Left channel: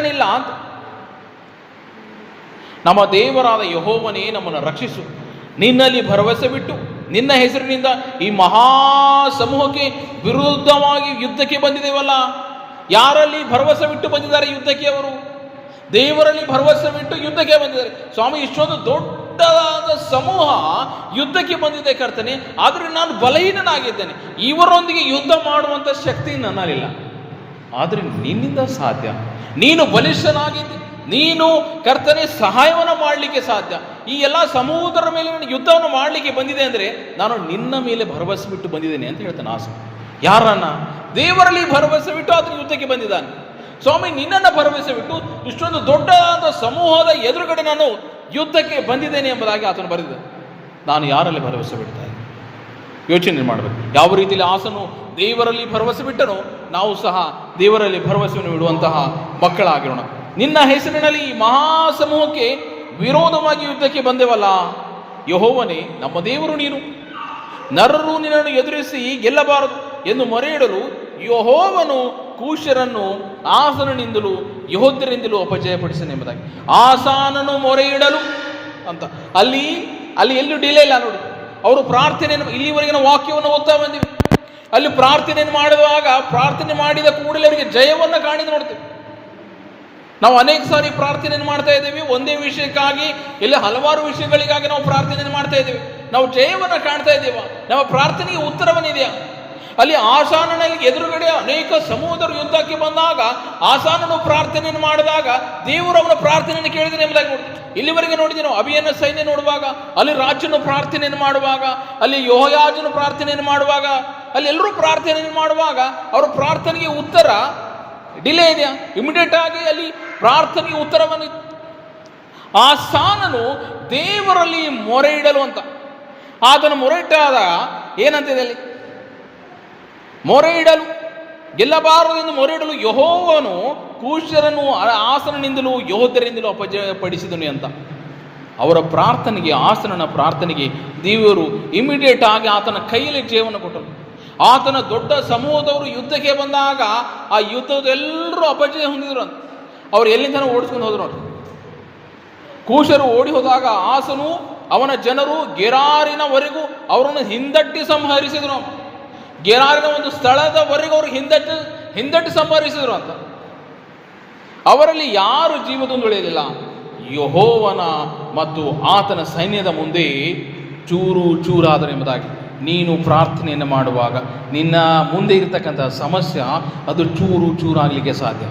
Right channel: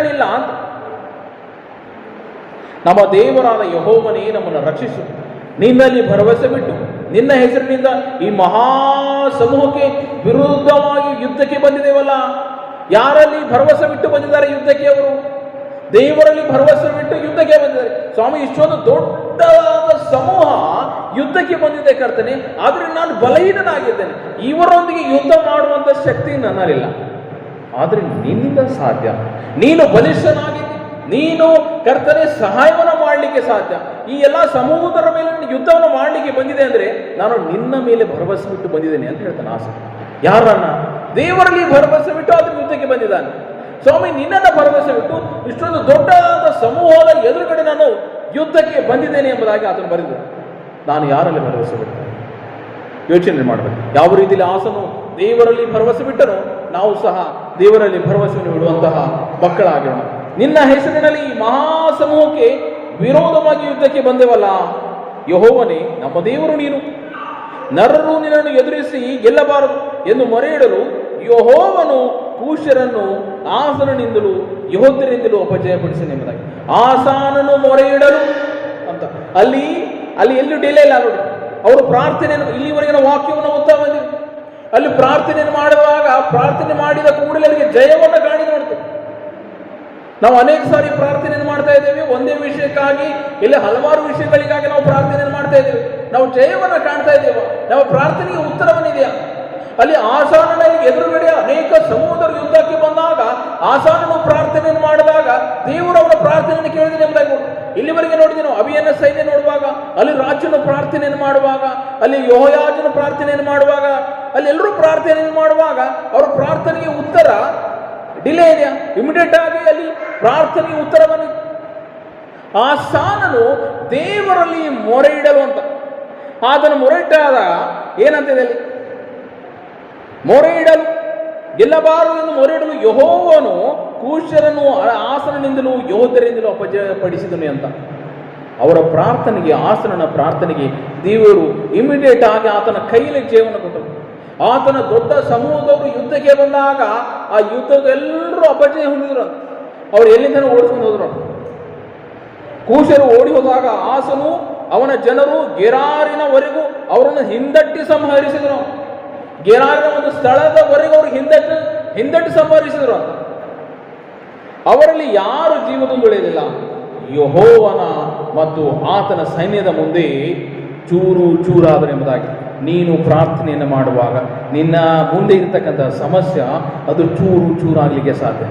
ಬಿಟ್ಟನಿಲ್ಲ ಅಂತ. ನಮ್ಮ ದೇವರಾದ ಯೆಹೋವನೇ ನಮ್ಮನ್ನು ರಕ್ಷಿಸು. ನಿನ್ನಲ್ಲಿ ಭರವಸೆ ಬಿಟ್ಟು ನಿನ್ನ ಹೆಸರಿನಿಂದ ಈ ಮಹಾ ಸಮೂಹಕ್ಕೆ ವಿರುದ್ಧವಾಗಿ ಯುದ್ಧಕ್ಕೆ ಬಂದಿದ್ದೇವಲ್ಲ. ಯಾರಲ್ಲಿ ಭರವಸೆ ಬಿಟ್ಟು ಬಂದಿದ್ದಾರೆ ಯುದ್ಧಕ್ಕೆ? ಅವರು ದೇವರಲ್ಲಿ ಭರವಸೆ ಬಿಟ್ಟು ಯುದ್ಧಕ್ಕೆ ಬಂದಿದ್ದಾರೆ. ಸ್ವಾಮಿ, ಇಷ್ಟೊಂದು ದೊಡ್ಡದಾದ ಸಮೂಹ ಯುದ್ಧಕ್ಕೆ ಬಂದಿದೆ ಕರ್ತನೆ, ಆದರೆ ನಾನು ಬಲಹೀನನಾಗಿದ್ದೇನೆ, ಇವರೊಂದಿಗೆ ಯುದ್ಧ ಮಾಡುವಂತ ಶಕ್ತಿ ನನ್ನಲ್ಲಿಲ್ಲ. ಆದರೆ ನಿನ್ನಿಂದ ಸಾಧ್ಯ. ನೀನು ಬಲಿಷ್ಠನಾಗಿದ್ದಿ, ನೀನು ಕರ್ತನೆ ಸಹಾಯವನ್ನು ಮಾಡಲಿಕ್ಕೆ ಸಾಧ್ಯ. ಈ ಎಲ್ಲ ಸಮೂಹದ ಮೇಲೆ ಯುದ್ಧವನ್ನು ಮಾಡಲಿಕ್ಕೆ ಬಂದಿದೆ ಅಂದರೆ ನಾನು ನಿನ್ನ ಮೇಲೆ ಭರವಸೆ ಬಿಟ್ಟು ಬಂದಿದ್ದೇನೆ ಅಂತ ಹೇಳ್ತಾನೆ ಆಸ. ಯಾರನ್ನ? ದೇವರಲ್ಲಿ ಭರವಸೆ ಬಿಟ್ಟು ಆತನ ಯುದ್ಧಕ್ಕೆ ಬಂದಿದ್ದಾನೆ. ಸ್ವಾಮಿ, ನಿನ್ನನ್ನ ಭರವಸೆ ಬಿಟ್ಟು ಇಷ್ಟೊಂದು ದೊಡ್ಡದಾದ ಸಮೂಹದ ಎದುರುಗಡೆ ನಾನು ಯುದ್ಧಕ್ಕೆ ಬಂದಿದ್ದೇನೆ ಎಂಬುದಾಗಿ ಆತನು ಬರೆದಿದ್ದಾನೆ. ನಾನು ಯಾರಲ್ಲಿ ಭರವಸೆ ಬಿಡ್ತೇನೆ? ಯೋಚನೆ ಮಾಡಬೇಕು. ಯಾವ ರೀತಿಯಲ್ಲಿ ಆಸನು ದೇವರಲ್ಲಿ ಭರವಸೆ ಬಿಟ್ಟನೋ ನಾವು ಸಹ ದೇವರಲ್ಲಿ ಭರವಸೆಯನ್ನು ಬಿಡುವಂತಹ ಮಕ್ಕಳಾಗಿರೋಣ. ನಿನ್ನ ಹೆಸರಿನಲ್ಲಿ ಈ ಮಹಾಸಮೂಹಕ್ಕೆ ವಿರೋಧವಾಗಿ ಯುದ್ಧಕ್ಕೆ ಬಂದೆವಲ್ಲ. ಯೆಹೋವನೇ, ನಮ್ಮ ದೇವರು ನೀನು. ನರರು ನಿನ್ನನ್ನು ಎದುರಿಸಿ ಗೆಲ್ಲಬಾರದು ಎಂದು ಮೊರೆ ಇಡಲು ಯೆಹೋವನು ಕೂಶ್ಯರನ್ನು ಆಸನಿಂದಲೂ ಯೆಹೂದ್ಯರಿಂದಲೂ ಅಪಜಯಪಡಿಸನೆಂಬುದಾಗಿ. ಆಸಾನನು ಮೊರೆ ಇಡಲು ಅಂತ ಅಲ್ಲಿ ಎಲ್ಲೂ ಡಿಲೇ ಇಲ್ಲ ನೋಡಿ. ಅವರು ಪ್ರಾರ್ಥನೆಯನ್ನು, ಇಲ್ಲಿವರೆಗಿನ ವಾಕ್ಯವನ್ನು ಓದ್ತಾ ಬಂದಿವೆ. ಅಲ್ಲಿ ಪ್ರಾರ್ಥನೆಯನ್ನು ಮಾಡುವಾಗ ಪ್ರಾರ್ಥನೆ ಮಾಡಿದ ಕೂಡಲೇ ಅವರಿಗೆ ಜಯವನ್ನು ಕಾಣಿ ನೋಡ್ತೇವೆ. ನಾವು ಅನೇಕ ಸಾರಿ ಪ್ರಾರ್ಥನೆಯನ್ನು ಮಾಡ್ತಾ ಇದ್ದೇವೆ ಒಂದೇ ವಿಷಯಕ್ಕಾಗಿ, ಇಲ್ಲಿ ಹಲವಾರು ವಿಷಯಗಳಿಗಾಗಿ ನಾವು ಪ್ರಾರ್ಥನೆಯನ್ನು ಮಾಡ್ತಾ ಇದ್ದೇವೆ. ನಾವು ಜಯವನ್ನು ಕಾಣ್ತಾ ಇದ್ದೇವೆ, ನಮ್ಮ ಪ್ರಾರ್ಥನೆಗೆ ಉತ್ತರವನ್ನಿದೆಯಾ? ಅಲ್ಲಿ ಆಸಾನನಲ್ಲಿ ಎದುರುಗಡೆ ಅನೇಕ ಸಮೂಹದರು ಯುದ್ಧಕ್ಕೆ ಬಂದಾಗ ಆಸಾನನು ಪ್ರಾರ್ಥನೆಯನ್ನು ಮಾಡಿದಾಗ ದೇವರು ಅವನ ಪ್ರಾರ್ಥನೆಯನ್ನು ಕೇಳಿದ್ರೆ ಎಂಬುದಾಗಿ ನೋಡಿ. ಇಲ್ಲಿವರೆಗೆ ನೋಡಿದೆ ನಾವು ಅಭಿಯನ್ನ ಸೈನ್ಯ ನೋಡುವಾಗ, ಅಲ್ಲಿ ರಾಜನು ಪ್ರಾರ್ಥನೆಯನ್ನು ಮಾಡುವಾಗ, ಅಲ್ಲಿ ಯೆಹೋಯಾಜನು ಪ್ರಾರ್ಥನೆಯನ್ನು ಮಾಡುವಾಗ, ಅಲ್ಲಿ ಎಲ್ಲರೂ ಪ್ರಾರ್ಥನೆಯನ್ನು ಮಾಡುವಾಗ ಅವರ ಪ್ರಾರ್ಥನೆಗೆ ಉತ್ತರ ಡಿಲೇ ಇದೆಯಾ? ಇಮಿಡಿಯೇಟ್ ಆಗಿ ಅಲ್ಲಿ ಪ್ರಾರ್ಥನೆಗೆ ಉತ್ತರವನ್ನು ಆಸಾನನು ದೇವರಲ್ಲಿ ಮೊರೆ ಇಡಲು ಅಂತ ಆತನ ಮೊರೆ ಇಟ್ಟಾದಾಗ ಏನಂತಿದೆ ಅಲ್ಲಿ? ಮೊರೆ ಇಡಲು ಗೆಲ್ಲಬಾರದು ಎಂದು ಮೊರೆ ಇಡಲು ಯೆಹೋವನು ಕೂಶ್ಯರನ್ನು ಆಸನಿಂದಲೂ ಯೆಹೂದ್ಯರಿಂದಲೂ ಅಪಜಯಪಡಿಸಿದನು ಅಂತ. ಅವರ ಪ್ರಾರ್ಥನೆಗೆ, ಆಸನನ ಪ್ರಾರ್ಥನೆಗೆ ದೇವರು ಇಮಿಡಿಯೇಟ್ ಆಗಿ ಆತನ ಕೈಯಲ್ಲಿ ಜಯವನ್ನು ಕೊಟ್ಟರು. ಆತನ ದೊಡ್ಡ ಸಮೂಹದವರು ಯುದ್ಧಕ್ಕೆ ಬಂದಾಗ ಆ ಯುದ್ಧದೆಲ್ಲರೂ ಅಪಜಯ ಹೊಂದಿದ್ರು ಅಂತ. ಅವರು ಎಲ್ಲಿಂದ ಓಡಿಸ್ಕೊಂಡು ಹೋದ್ರು. ಕೂಶರು ಓಡಿ ಹೋದಾಗ ಆಸನು ಅವನ ಜನರು ಗೆರಾರಿನವರೆಗೂ ಅವರನ್ನು ಹಿಂದಟ್ಟಿ ಸಂಹರಿಸಿದ್ರು. ಗೆರಾರಿನ ಒಂದು ಸ್ಥಳದವರೆಗೂ ಅವರು ಹಿಂದಟ್ಟಿ ಸಂಹರಿಸಿದ್ರು ಅಂತ. ಅವರಲ್ಲಿ ಯಾರು ಜೀವದಿಂದ ಉಳಿಯಲಿಲ್ಲ. ಯೆಹೋವನ ಮತ್ತು ಆತನ ಸೈನ್ಯದ ಮುಂದೆ ಚೂರು ಚೂರಾದರು ಎಂಬುದಾಗಿ. ನೀನು ಪ್ರಾರ್ಥನೆಯನ್ನು ಮಾಡುವಾಗ ನಿನ್ನ ಮುಂದೆ ಇರತಕ್ಕಂಥ ಸಮಸ್ಯೆ ಅದು ಚೂರು ಚೂರಾಗಲಿಕ್ಕೆ ಸಾಧ್ಯ.